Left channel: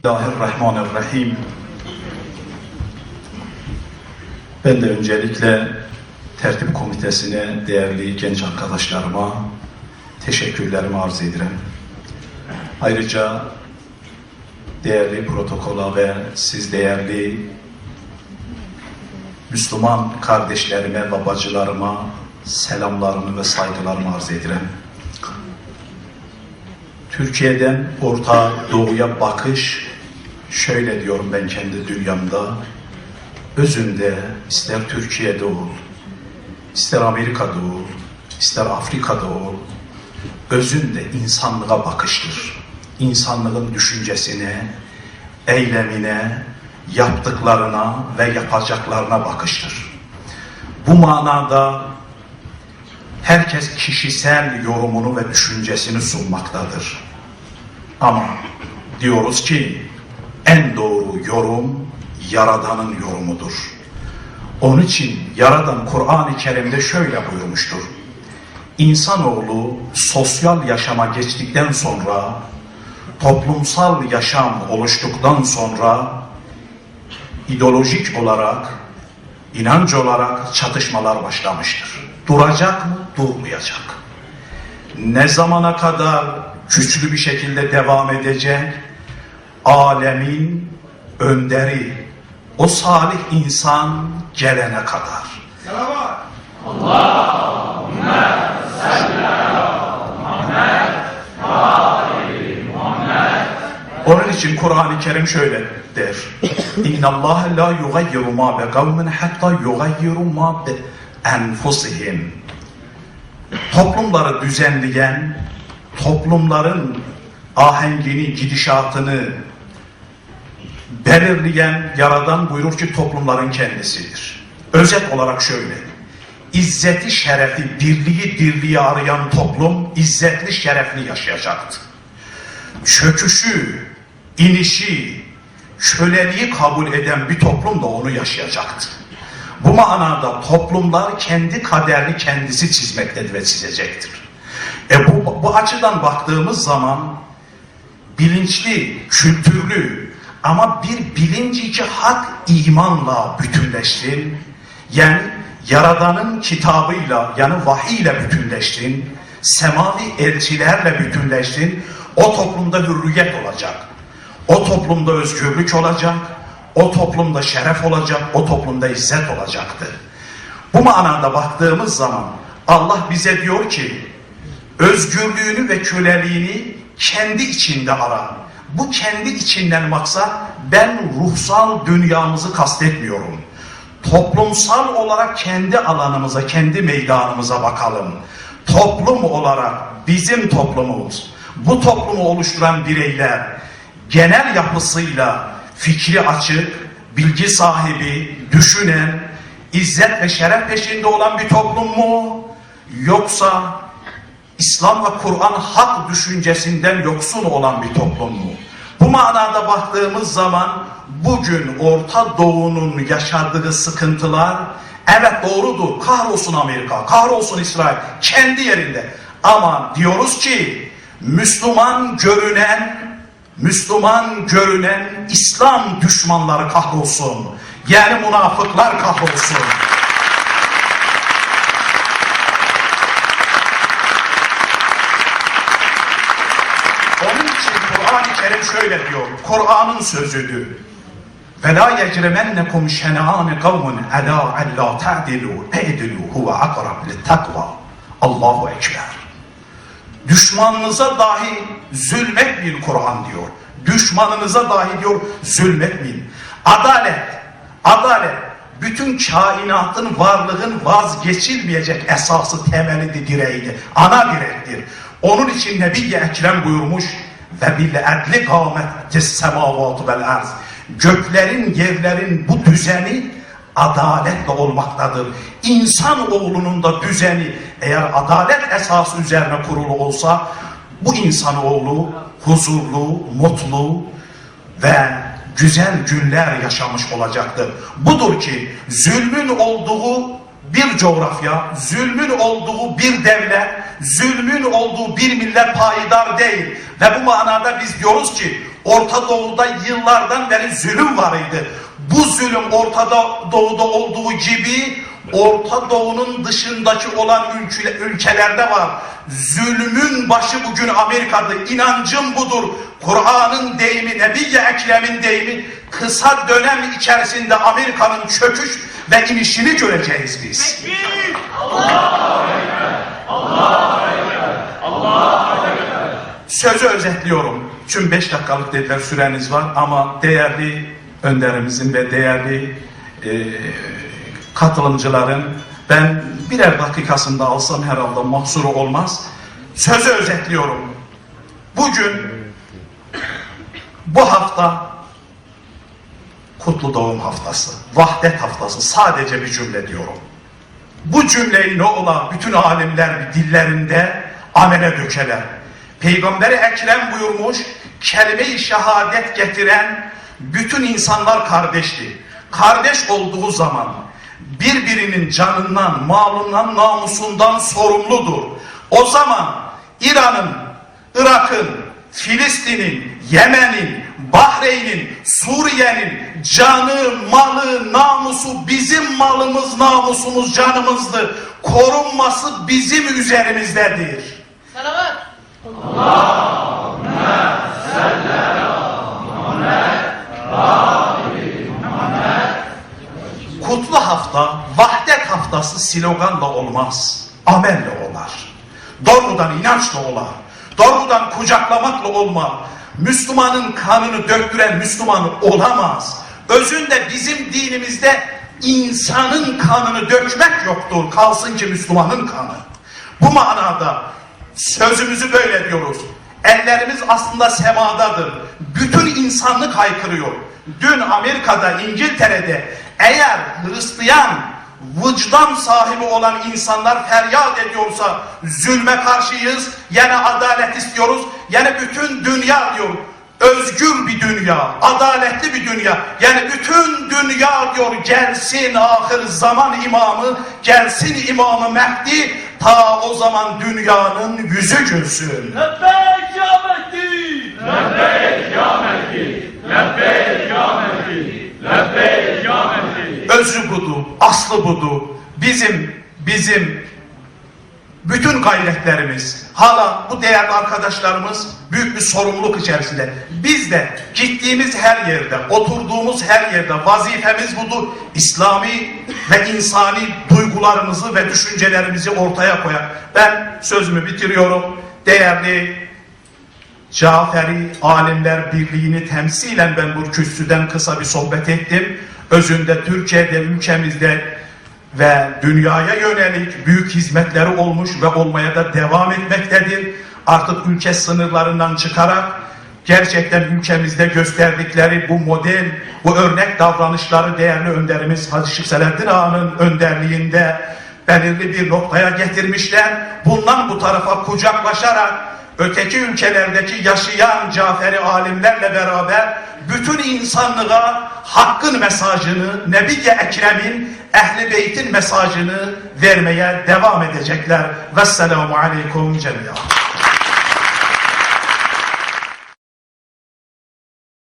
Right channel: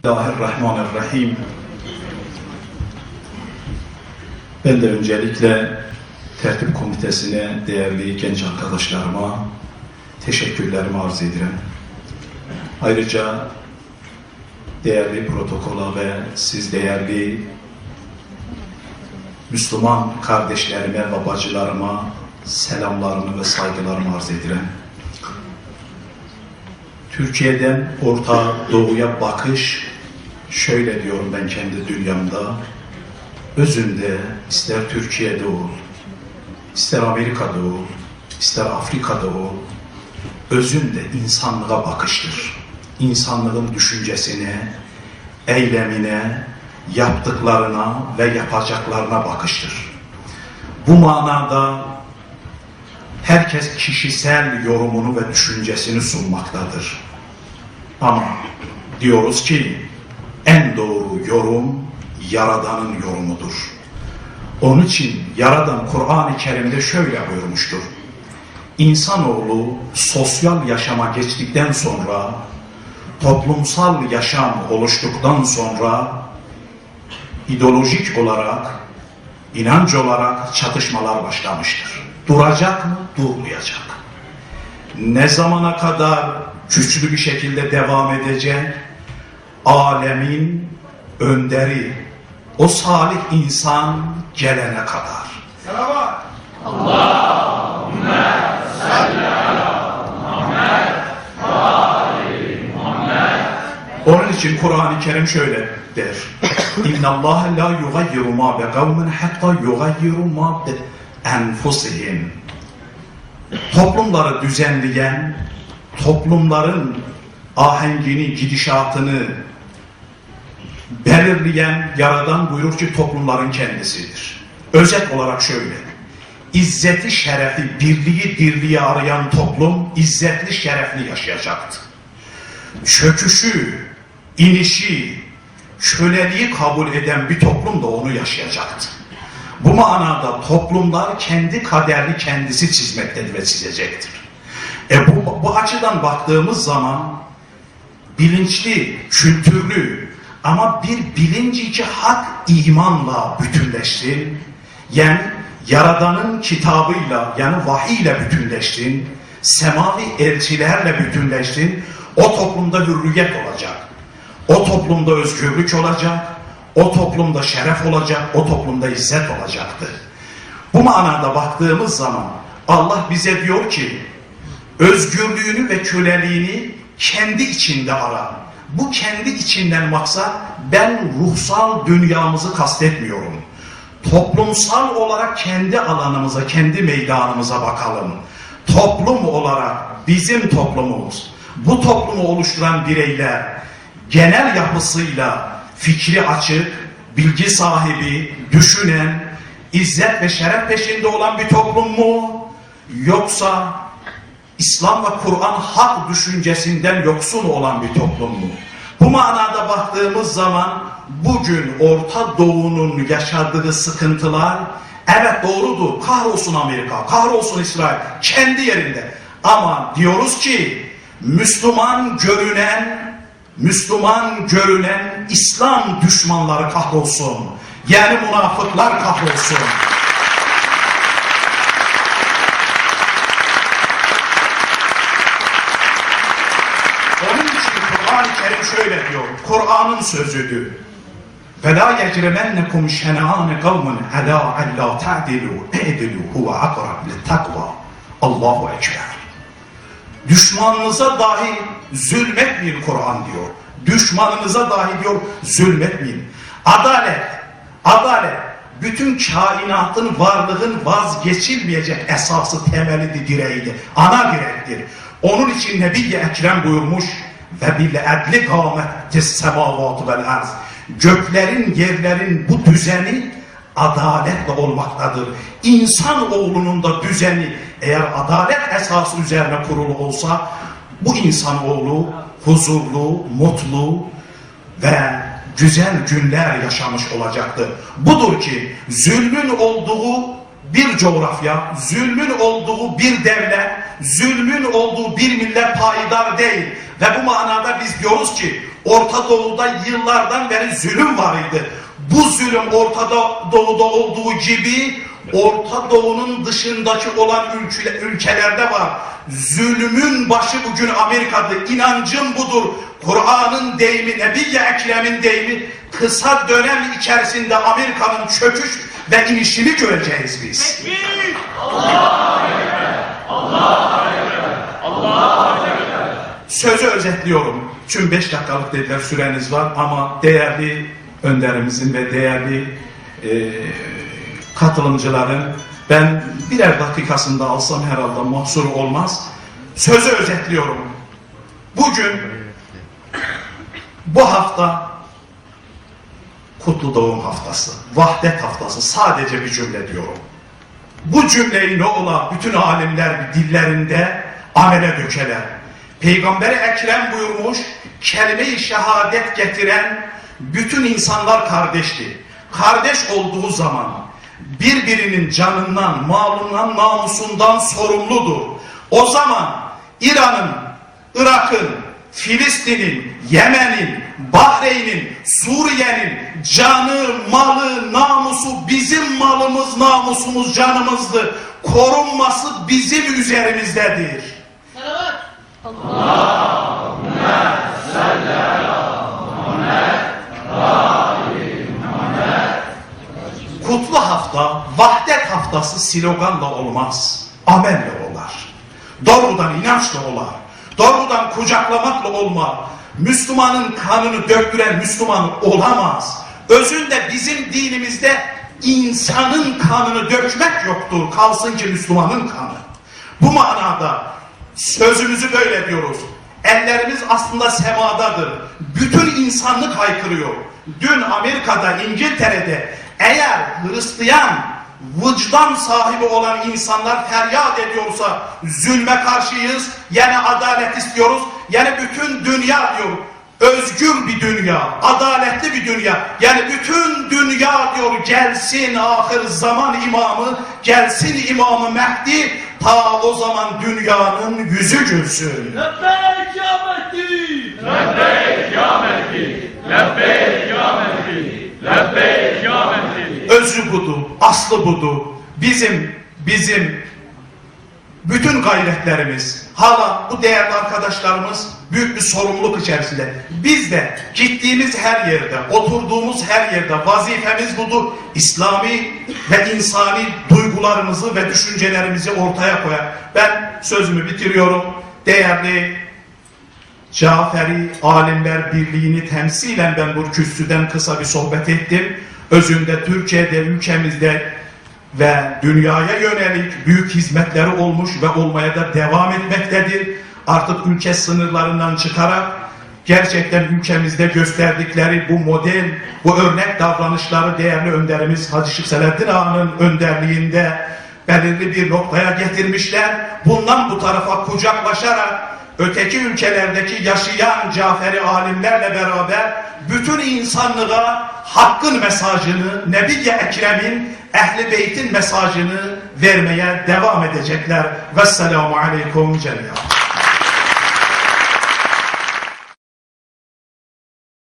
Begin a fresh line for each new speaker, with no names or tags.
Bismillahirrahmanirrahim. Ben de öncelikle tertip komitesine, değerli genç arkadaşlarıma teşekkürlerimi arz ederim. Ayrıca değerli protokola ve siz değerli Müslüman kardeşlerime ve bacılarıma selamlarımı ve saygılarımı arz ederim. Türkiye'den Orta Doğu'ya bakış şöyle diyorum ben kendi dünyamda. Özünde ister Türkiye'de ol, ister Amerika'da ol, ister Afrika'da ol, özünde insanlığa bakıştır. İnsanlığın düşüncesine, eylemine, yaptıklarına ve yapacaklarına bakıştır. Bu manada herkes kişisel yorumunu ve düşüncesini sunmaktadır. Ama diyoruz ki en doğru yorum Yaradan'ın yorumudur. Onun için Yaradan Kur'an-ı Kerim'de şöyle buyurmuştur. İnsanoğlu sosyal yaşama geçtikten sonra, toplumsal yaşam oluştuktan sonra ideolojik olarak, inanç olarak çatışmalar başlamıştır. Duracak mı? Durmayacak. Ne zamana kadar güçlü bir şekilde devam edecek? Alemin önderi, o salih insan gelene kadar.
Selamat.
Onun için Kur'an-ı Kerim şöyle der. İnna Allah la yugayyiru ma bi kavmin hatta yugayyiru ma bi enfusihim. Toplumları düzenleyen, toplumların ahengini, gidişatını belirleyen, yaradan buyurur ki toplumların kendisidir. Özet olarak şöyle. İzzeti, şerefi, birliği, dirliği arayan toplum izzetli, şerefli yaşayacaktı çöküşü, inişi, köleliği kabul eden bir toplum da onu yaşayacaktı. Bu manada toplumlar kendi kaderini kendisi çizmektedir ve çizecektir. E bu, bu açıdan baktığımız zaman bilinçli, kültürlü ama bir bilinci hak imanla bütünleştin. Yani Yaradan'ın kitabıyla yani vahiy ile bütünleştin. Semavi elçilerle bütünleştin. O toplumda hürriyet olacak. O toplumda özgürlük olacak. O toplumda şeref olacak. O toplumda izzet olacaktır. Bu manada baktığımız zaman Allah bize diyor ki özgürlüğünü ve köleliğini kendi içinde ara. Bu kendi içinden maksat ben ruhsal dünyamızı kastetmiyorum. Toplumsal olarak kendi alanımıza, kendi meydanımıza bakalım. Toplum olarak bizim toplumumuz, bu toplumu oluşturan bireyler genel yapısıyla fikri açık, bilgi sahibi, düşünen, izzet ve şeref peşinde olan bir toplum mu? Yoksa İslam ve Kur'an hak düşüncesinden yoksun olan bir toplum mu? Bu manada baktığımız zaman bugün Orta Doğu'nun yaşadığı sıkıntılar evet doğrudur. Kahrolsun Amerika, kahrolsun İsrail kendi yerinde. Ama diyoruz ki Müslüman görünen Müslüman görünen İslam düşmanları kahrolsun. Yani münafıklar kahrolsun. Onun için Kur'an-ı Kerim şöyle diyor. Kur'an'ın sözüdür. فَلَا يَجْرَمَنَّكُمْ شَنَعَانِ قَوْمٌ عَلَى أَلَّا تَعْدِلُوا اَعْدِلُوا هُوَ أَقْرَبْ لِلتَّقْوَى Allahu Ekber. Düşmanınıza dahi zulmetmeyin Kur'an diyor. Düşmanınıza dahi diyor zulmetmeyin. Adalet, adalet bütün kainatın varlığın vazgeçilmeyecek esası temelidir, direğidir. Ana direktir. Onun için Nebi-i Ekrem buyurmuş ve bil edli kâmetis semavatı vel arz. Göklerin, yerlerin bu düzeni adaletle olmaktadır. İnsan oğlunun da düzeni eğer adalet esası üzerine kurulu olsa bu insan oğlu huzurlu, mutlu ve güzel günler yaşamış olacaktır. Budur ki zulmün olduğu bir coğrafya, zulmün olduğu bir devlet, zulmün olduğu bir millet payidar değil. Ve bu manada biz diyoruz ki Orta Doğu'da yıllardan beri zulüm var idi. Bu zulüm Orta Doğu'da olduğu gibi Orta Doğu'nun dışındaki olan ülke- ülkelerde var. Zulmün başı bugün Amerika'da. İnancım budur. Kur'an'ın deyimi, Nebi-i Ekrem'in deyimi kısa dönem içerisinde Amerika'nın çöküş ve inişini göreceğiz biz. Sözü özetliyorum. Tüm beş dakikalık dediler süreniz var ama değerli önderimizin ve değerli e, katılımcıların ben birer dakikasında alsam herhalde mahsuru olmaz. Sözü özetliyorum. Bugün bu hafta Kutlu Doğum Haftası, Vahdet Haftası sadece bir cümle diyorum. Bu cümleyi ne ola bütün alimler dillerinde amele dökeler. Peygamberi Ekrem buyurmuş, kelime-i şehadet getiren bütün insanlar kardeşti. Kardeş olduğu zaman birbirinin canından, malından, namusundan sorumludur. O zaman İran'ın, Irak'ın, Filistin'in, Yemen'in, Bahreyn'in, Suriye'nin canı, malı, namusu bizim malımız, namusumuz, canımızdır. Korunması bizim üzerimizdedir.
Salavat.
Kutlu hafta, vahdet haftası sloganla olmaz. Amelle olar. Doğrudan inançla olar. Doğrudan kucaklamakla olmaz. Müslümanın kanını döktüren Müslüman olamaz. Özünde bizim dinimizde insanın kanını dökmek yoktur. Kalsın ki Müslümanın kanı. Bu manada sözümüzü böyle diyoruz. Ellerimiz aslında semadadır. Bütün insanlık haykırıyor. Dün Amerika'da, İngiltere'de eğer Hristiyan vicdan sahibi olan insanlar feryat ediyorsa zulme karşıyız, yani adalet istiyoruz, yani bütün dünya diyor özgür bir dünya, adaletli bir dünya. Yani bütün dünya diyor gelsin ahir zaman imamı, gelsin imamı Mehdi, ta o zaman dünyanın yüzü gülsün.
Lebbeyk ya Mehdi.
Lebbeyk ya Mehdi, lebbeyk ya Mehdi, lebbeyk ya Mehdi.
Özü budur, aslı budur. Bizim, bizim bütün gayretlerimiz, hala bu değerli arkadaşlarımız büyük bir sorumluluk içerisinde. Biz de gittiğimiz her yerde, oturduğumuz her yerde vazifemiz budur. İslami ve insani duygularımızı ve düşüncelerimizi ortaya koyar. Ben sözümü bitiriyorum. Değerli Caferi Alimler Birliği'ni temsilen ben bu kürsüden kısa bir sohbet ettim. Özünde Türkiye'de, ülkemizde ve dünyaya yönelik büyük hizmetleri olmuş ve olmaya da devam etmektedir. Artık ülke sınırlarından çıkarak gerçekten ülkemizde gösterdikleri bu model, bu örnek davranışları değerli önderimiz Hacı Şık Selahattin Ağa'nın önderliğinde belirli bir noktaya getirmişler. Bundan bu tarafa kucaklaşarak öteki ülkelerdeki yaşayan Caferi alimlerle beraber bütün insanlığa hakkın mesajını, Nebi-i Ekrem'in, Ehli Beyt'in mesajını vermeye devam edecekler. Vesselamu aleyküm cemiyen.